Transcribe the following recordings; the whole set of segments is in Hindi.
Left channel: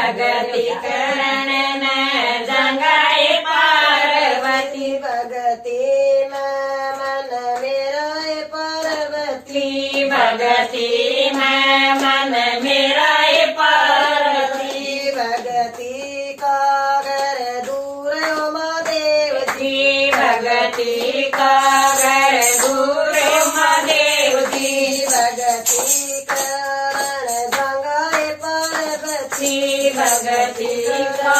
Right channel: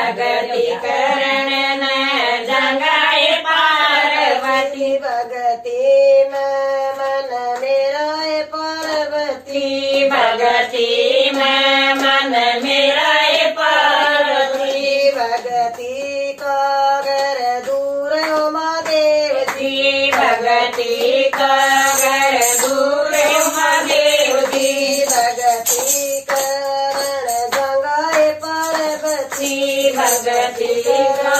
भगति करण न जगाए पार्वती भगति में मन मेरा है पार्वती भगति में मन मेरा है पार्वती भगति का घर दूर हो महादेव जी भगति का घर दूर महादेव जी भगति करण जगाए पार्वती भगति का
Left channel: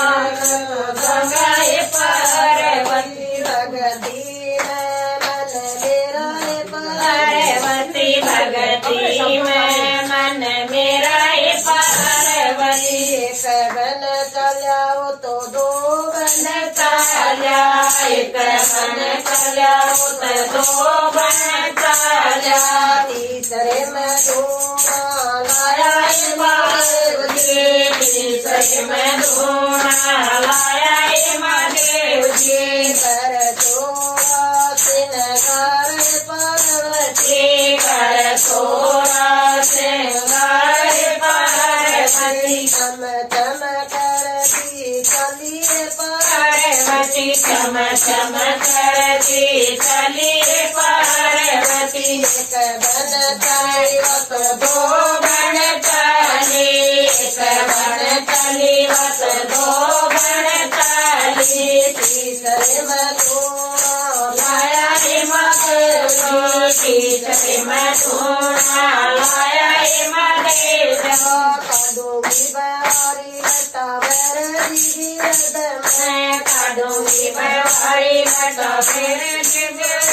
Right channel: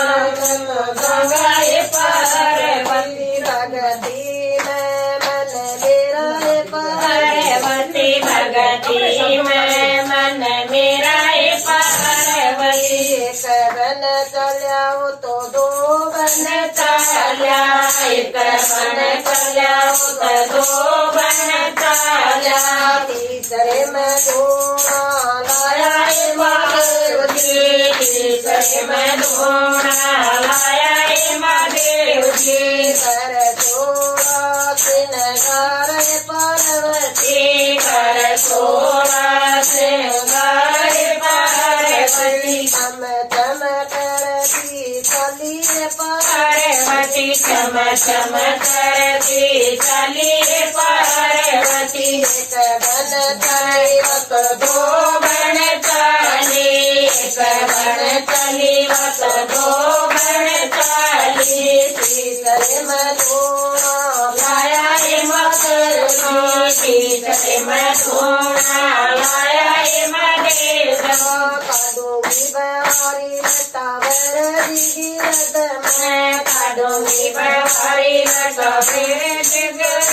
गंगाए पार्वती भगति में मन मेरा है पार्वती भगति में मन मेरा है पार्वती एक बन चलाओ तो दो बन चाल्या एक बन चल्या तो दो बन चाल्या तीसरे में धोना लाया है महादेव तीसरे में धोना लाया है महादेव जी कर छोड़ा सिनगार है पार्वती कर सोना श्रृंगार पार्वती हम चम करती चली है पार्वती चम चम करती चली पार्वती एक बन चली वक दो बन चली एक बन चली वक दो बन चली तीसरे में धोना लाया रे महादेव तीसरे में धोना लाया रे महादेव काडूंगी बवारी लटावर गिरद मैं काढूंगी बवारी लटा फिर गिरद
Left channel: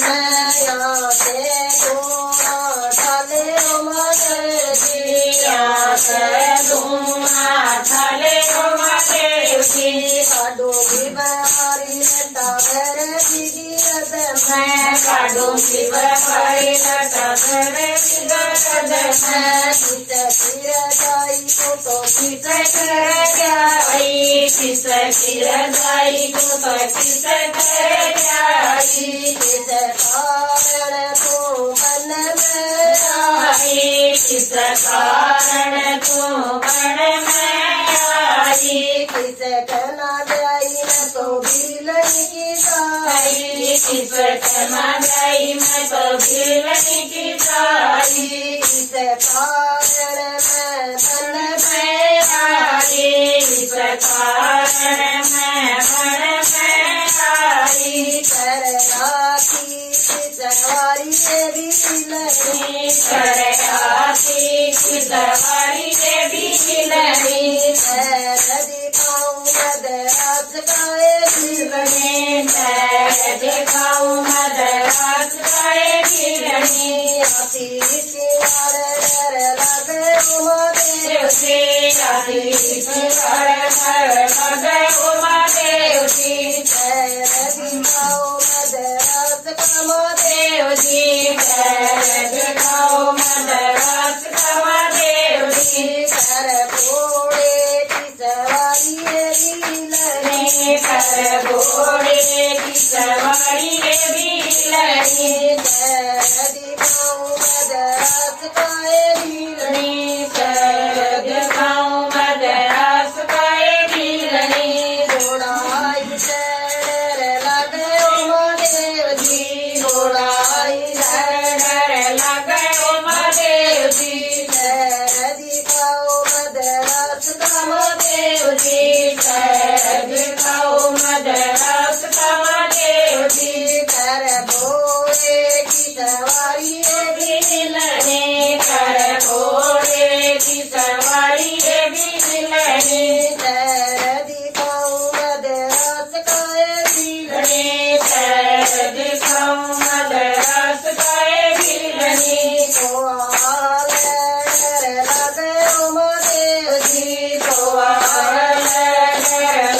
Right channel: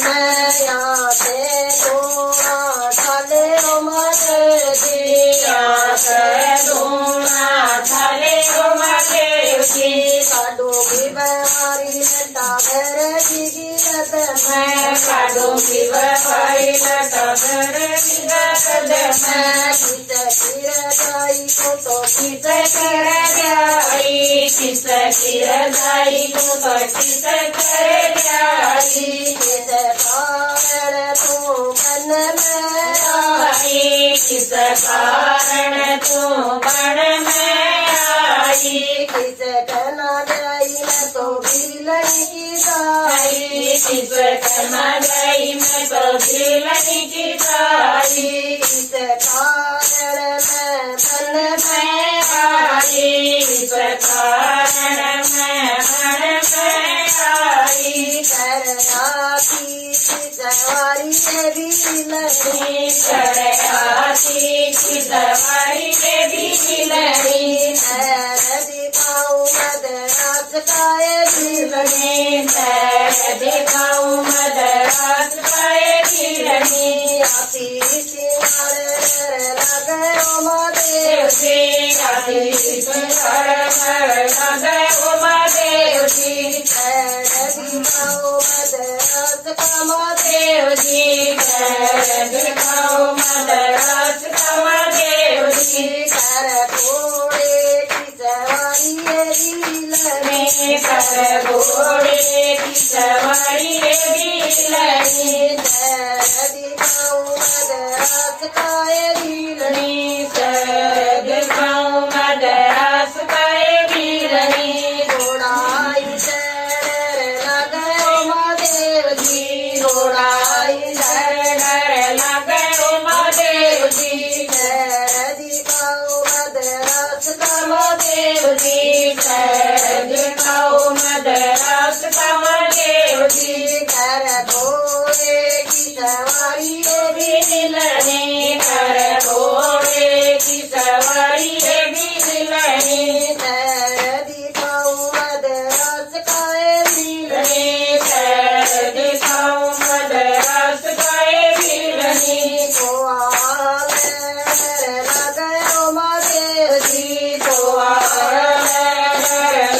मैं यहाँ से धोना चले ओ मदर जी यहाँ से धोना चले ओ महादेव जी काडूंगी बवारी लटावर गिरद मैं काढूंगी बवारी लटा फिर गिरद मैं किस किर जाई तो किस कर जाई किस किर जाई तो किस कर जाई किस कारण तू बन में आई किस कारण तू बन में आई किस कना जाई न तो बिलन की साई किस कना गई मैं तो बिलनी की साई किस कारण मैं बन मैं आई किस कारण मैं बन में आई करना की सवारी बिलनी करयाती की दवाई के बिलनी दिखाऊं मदरास काए बिलनी दिखाऊं मदरास खाए बिलनी आती सिंगार लगे ओ महादेव देव आदि सिंगार लगे ओ महादेव जी दिखाऊं मदरास का महादेव देव जी दिखाओ मदरास का महादेव जी कर घोड़े की सवारी बिलनी कर घोड़े की सवारी बिलनी दिखाऊं मदरास काए बिलनी दिखाओ मदरास खाए बिलनी घोड़ाई शहर लगे ओ महादेव जी घोड़ाई डर डर लगे ओ महादेव जी दिखाऊं मदरास का महादेव जी दिखाओ मदरास का महादेव जी कर घोड़े की सवारी बिलनी कर घोड़े की सवारी बिलनी दिखाऊं मदरास काए बिलनी दिखाओ मदरास खाए बिलनी लगे ओ महादेव जी तो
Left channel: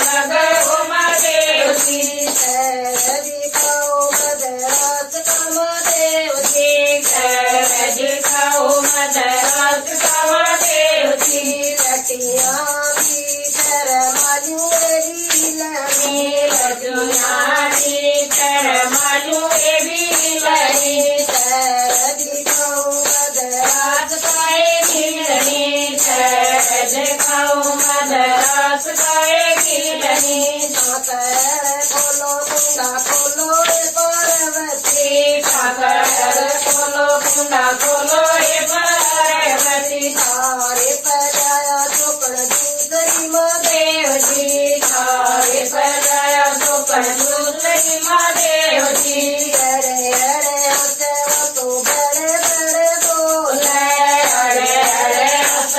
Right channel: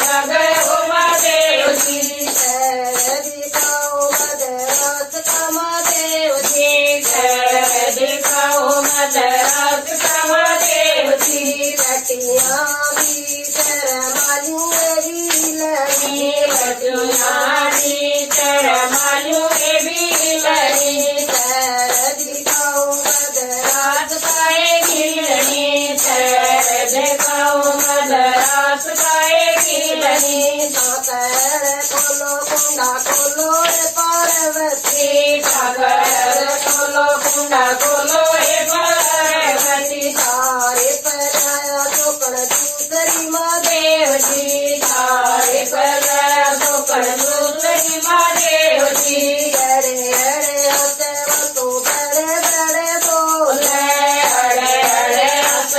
लगे ओ महादेव जी दिखाऊं मदरास का महादेव जी दिखाओ मदरास का महादेव जी रतिया भी शरमालू बिलनी लुयानी कर मालू बिलनी दिखाऊं मदरास रात पाए बिलनी दिखाओ मदरास खोलो हे पार्वती थारे पराया चोकण दूसरी माँ देवती थारे पर गोकर्ण दूसरी माँ देवती अड़े अड़े हंसे तो बड़े बड़े बोले अड़े अड़े हंस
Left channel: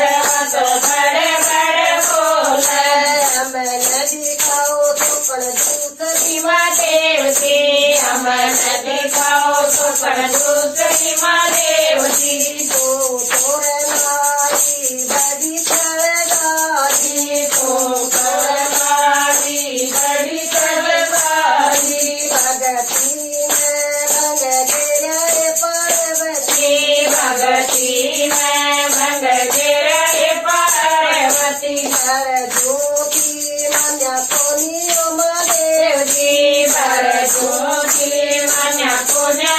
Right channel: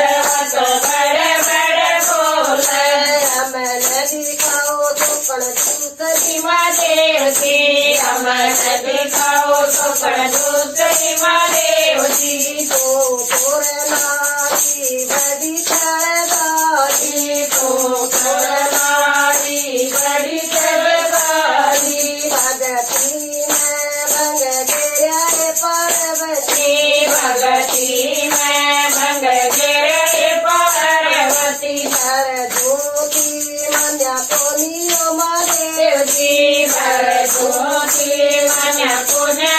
बड़े बड़े बोले हमें नदी खाओ चोकण दूसरी माँ देवती हमें दिखाओ गोकर्ण दूसरी माँ देवती तो तोरे नारी बड़ी छड़गारी तो करनारी बड़ी सरकारी भगती में भंग गिरा रे पार्वती भगती में भंग गिरे पार्वती हर ज्योति मन्या कोनियो मारे देवती भर ज्योति मन पुण्य